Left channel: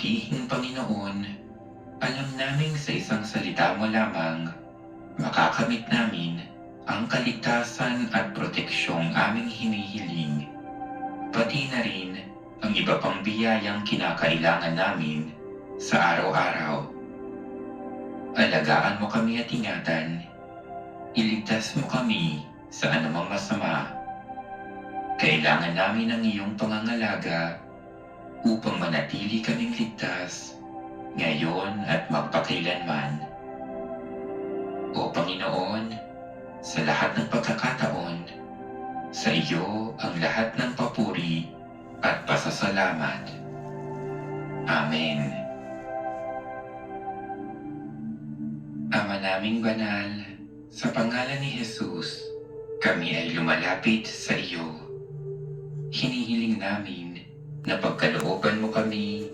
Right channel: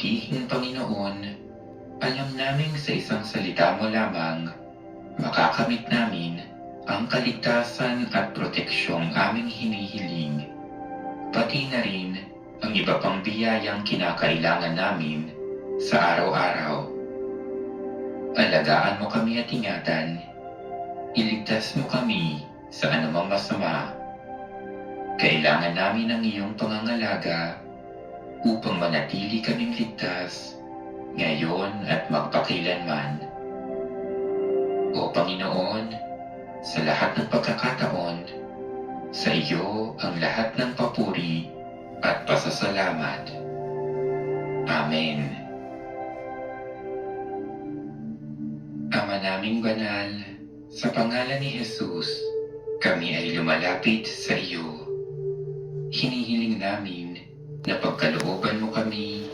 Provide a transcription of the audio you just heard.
Mabutihing Panginoon, alam naming sa isang salita mo lamang, makakamit namin ang kaligtasan at proteksyong aming hinihiling, pati na rin ang iba pang biyayang kinakailangan namin sa araw-araw. Alagaan mo kami at ingatan, iligtas mo kami sa anumang masama. Kailangan namin ang iyong pangangalaga upang manatili kaming ligtas ngayon at magpakailanman. O Panginoon, sa lahat ng pagkakataon, sa iyo ang lahat ng papuri at pasasalamat. Amen. Ama naming banal, sa pangalan ni Jesus, kami ay lumalapit sa iyo. Hinihiling namin na pagkalooban mo kami